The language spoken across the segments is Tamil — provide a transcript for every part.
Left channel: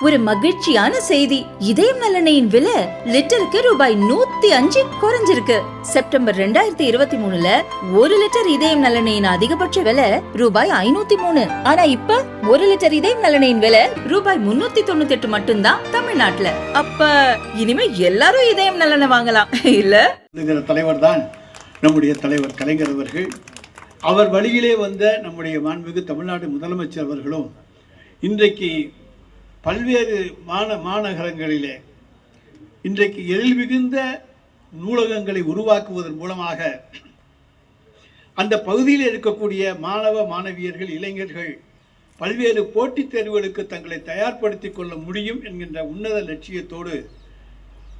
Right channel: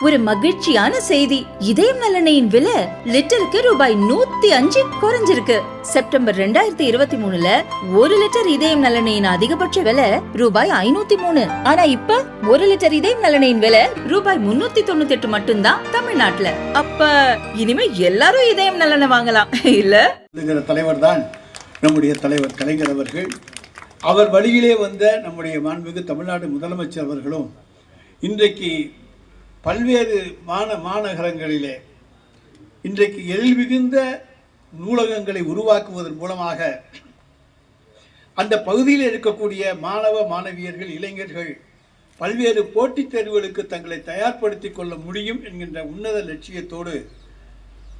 ஒரு மகிழ்ச்சியான செய்தி. இதயம் நல்லெண்ணெயின் விலை லிட்டருக்கு ரூபாய் 105 குறைஞ்சிருக்கு. செப்டம்பர் 2023ல 1 லிட்டர் இதயம் நல்லெண்ணெயின் அதிகபட்ச விலை ரூபாய் 503. ஆனா இப்ப 1 லிட்டர் இதயம் நல்லெண்ணெயின் விலை ரூபாய் 398 மட்டும்தான் தமிழ்நாட்டுல. அப்ப இனிமே எல்லாரும் இதயம் நல்லெண்ணெய் வாங்கலாம் இல்ல? தலைவர் தான் நம்முடைய தலைவர் கலைஞர் அவர்கள். அவர் வழியிலே வந்த நம்முடைய மாண்புமிகு தமிழ்நாடு முதலமைச்சர் அவர்களும் இன்றைக்கு பல்வேறு மாநகரங்களிலே இன்றைக்கு எழில் மிகுந்த நூலகங்களை உருவாக்குவதன் மூலமாக அந்த பகுதியில் இருக்கக்கூடிய மாணவ மாணவியர்கள் இளைஞர்கள் பல்வேறு போட்டித் தேர்வுகளுக்கு தங்களை தயார்படுத்திக் கொள்ள முடியும் என்கின்ற உன்னத லட்சியத்தோடு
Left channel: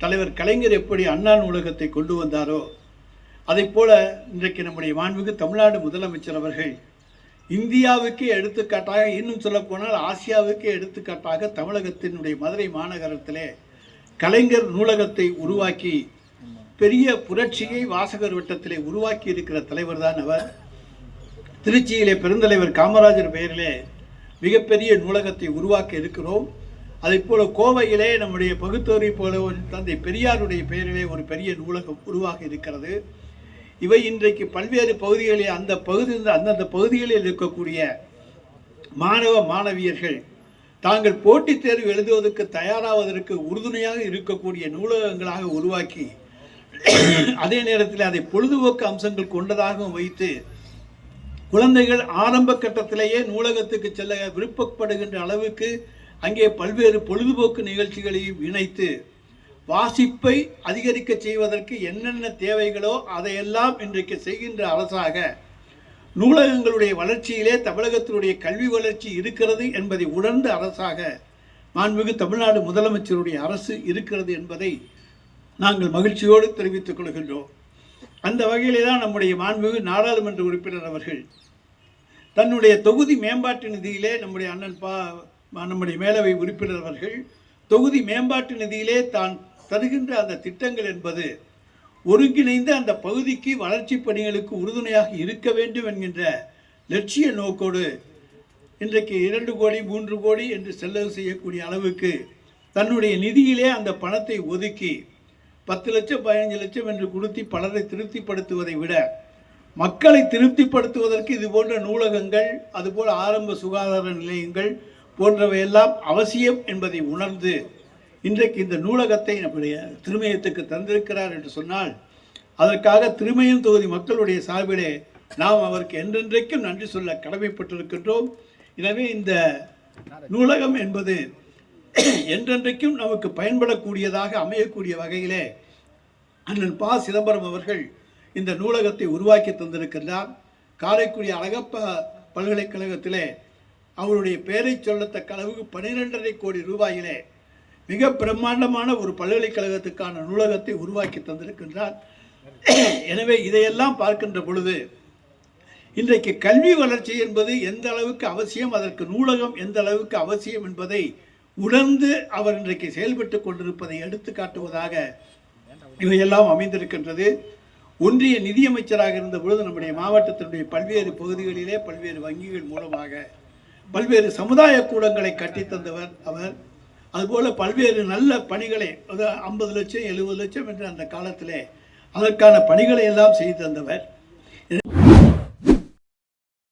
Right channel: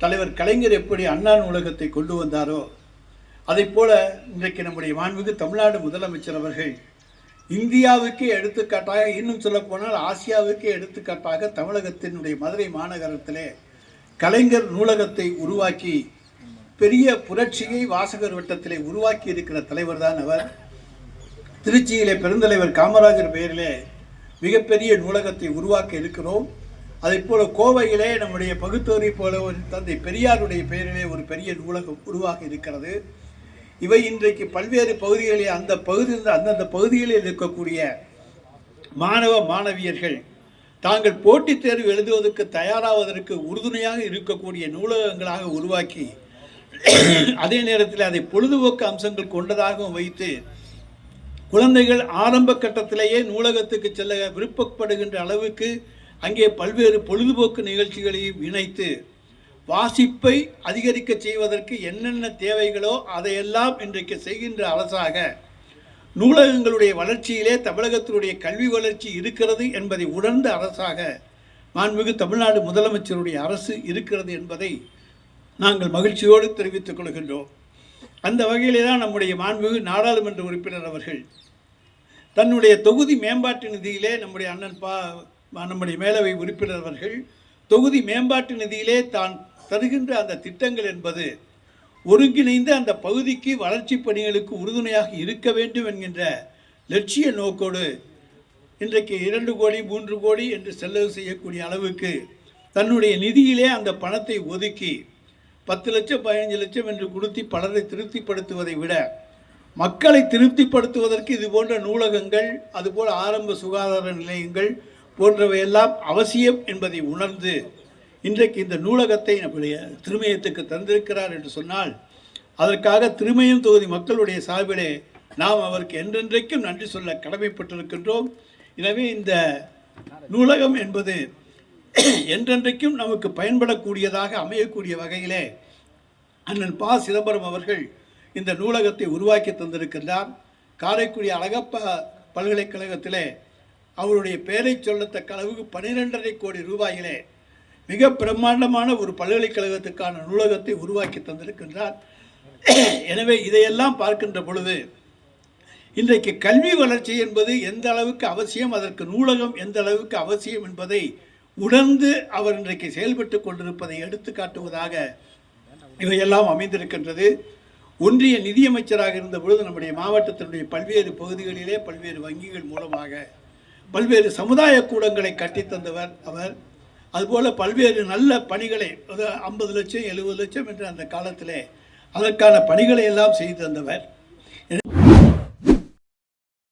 தலைவர் கலைஞர் எப்படி அண்ணா நூலகத்தை கொண்டு வந்தாரோ அதை போல இன்றைக்கு நம்முடைய மாண்புமிகு தமிழ்நாடு முதலமைச்சர் அவர்கள் இந்தியாவுக்கே எடுத்துக்காட்டாக, இன்னும் சொல்ல போனால் ஆசியாவுக்கே எடுத்துக்காட்டாக தமிழகத்தினுடைய மதுரை மாநகரத்திலே கலைஞர் நூலகத்தை உருவாக்கி பெரிய புரட்சியை வாசகர் வட்டத்திலே உருவாக்கி இருக்கிற தலைவர் தான் அவர். திருச்சியிலே பெருந்தலைவர் காமராஜர் பெயரிலே மிகப்பெரிய நூலகத்தை உருவாக்க இருக்கிறோம். அதே போல கோவையிலே நம்முடைய பகுத்தோரை போல தந்தை பெரியாருடைய பெயரிலே ஒரு பெரிய நூலகம் உருவாக இருக்கிறது. இவை இன்றைக்கு பல்வேறு பகுதிகளில் அந்தந்த பகுதிகளில் இருக்கக்கூடிய மாணவ மாணவியர்கள் தாங்கள் போட்டித் தேர்வு எழுதுவதற்கு தயாராவதற்கு உறுதுணையாக இருக்கக்கூடிய நூலகங்களாக உருவாக்கி அதே நேரத்தில் அதை பொழுதுபோக்கு அம்சங்கள் கொண்டதாகவும் வைத்து குழந்தைகள் ஆரம்ப கட்டத்திலேயே நூலகத்துக்கு செல்ல விருப்பப்படுகின்ற அளவுக்கு அங்கே பல்வேறு பொழுதுபோக்கு நிகழ்ச்சிகளையும் இணைத்து வாசிப்பை அதிகரிக்க செய்வதற்கு என்னென்ன தேவைகளோ அதையெல்லாம் இன்றைக்கு செய்கின்ற அரசாக நூலகங்களுடைய வளர்ச்சியிலே தமிழகத்தினுடைய கல்வி வளர்ச்சி இருக்கிறது என்பதை உணர்ந்த அரசாக மாண்புமிகு தமிழ்நாடு முதலமைச்சருடைய அரசு இருக்கிறது என்பதை நாங்கள் மகிழ்ச்சியோடு தெரிவித்துக் கொள்கின்றோம். அந்த வகையிலே தான் நம்முடைய மாண்புமிகு நாடாளுமன்ற உறுப்பினர் அவர்கள் தன்னுடைய தொகுதி மேம்பாட்டு நிதியிலே நம்முடைய மேலவை உறுப்பினர் அவர்கள் தொகுதி மேம்பாட்டு நிதியிலே தான் தருகின்ற அந்த திட்டங்கள் என்பது ஒருங்கிணைந்து அந்த பகுதிக்கு வளர்ச்சி பணிகளுக்கு உறுதுணையாக இருக்க வேண்டும் என்கின்ற லட்சிய நோக்கோடு இன்றைக்கு 2 கோடி 3 கோடி என்று செலவு செய்யக்கூடிய அளவுக்கு தன்னுடைய நிதியிலே அந்த பணத்தை ஒதுக்கி 10 லட்சம் 15 லட்சம் என்று கொடுத்து பலரை திருப்திப்படுத்துவதை விட மக்களை திருப்திப்படுத்துவதற்கு இது போன்ற நூலகங்கள், அதுபோல் ஆரம்ப சுகாதார நிலையங்கள் போன்றவையெல்லாம் அவசியம் என்பதை உணர்ந்து இன்றைக்கு இந்த நூலகத்தை நம்முடைய திருமயத்துக்கு தந்திருக்கிறார் என்று சொன்னால் அதற்காக திருமயம் தொகுதி மக்களுடைய சார்பிலே நாம் அவருக்கு என்றென்றைக்கும் நன்றி சொல்ல கடமைப்பட்டிருக்கின்றோம். எனவே இந்த நூலகம் என்பது என்றென்றைக்கும் நமக்கு பயன்படக்கூடியதாக அமையக்கூடிய வகையிலே அண்ணன் ப. சிதம்பரம் அவர்கள் இந்த நூலகத்தை உருவாக்கி தந்திருக்கின்றார். காரைக்குடி அழகப்பா பல்கலைக்கழகத்திலே அவருடைய பெயரை சொல்லத்தக்க அளவுக்கு 12.5 கோடி ரூபாயிலே மிக பிரம்மாண்டமான ஒரு பல்கலைக்கழகத்துக்கான நூலகத்தை உருவாக்கி தந்திருக்கின்றார். எனவே இதையெல்லாம் பார்க்கின்ற பொழுது இன்றைக்கு கல்வி வளர்ச்சி என்பது எந்த அளவுக்கு அவசியம், அதற்கு நூலகம் எந்த அளவுக்கு அவசியம் என்பதை உணர்ந்து அவர் இன்றைக்கு செயல்பட்டு கொண்டிருப்பதை எடுத்து காட்டுவதாக இவையெல்லாம் அமைந்திருக்கின்றது. ஒன்றிய நிதியமைச்சராக இருந்த பொழுது நம்முடைய மாவட்டத்தினுடைய பல்வேறு பகுதிகளிலே பல்வேறு வங்கிகள் மூலமாக பல்வேறு சமுதாய கூடங்களை கட்டித்தந்தவர் அவர். அதுபோல் பல்வேறு நல்ல பணிகளை 50 லட்சம் 70 லட்சம் என்று அந்த காலத்திலே அதற்கான பணிகளை எல்லாம் செய்து தந்தவர்.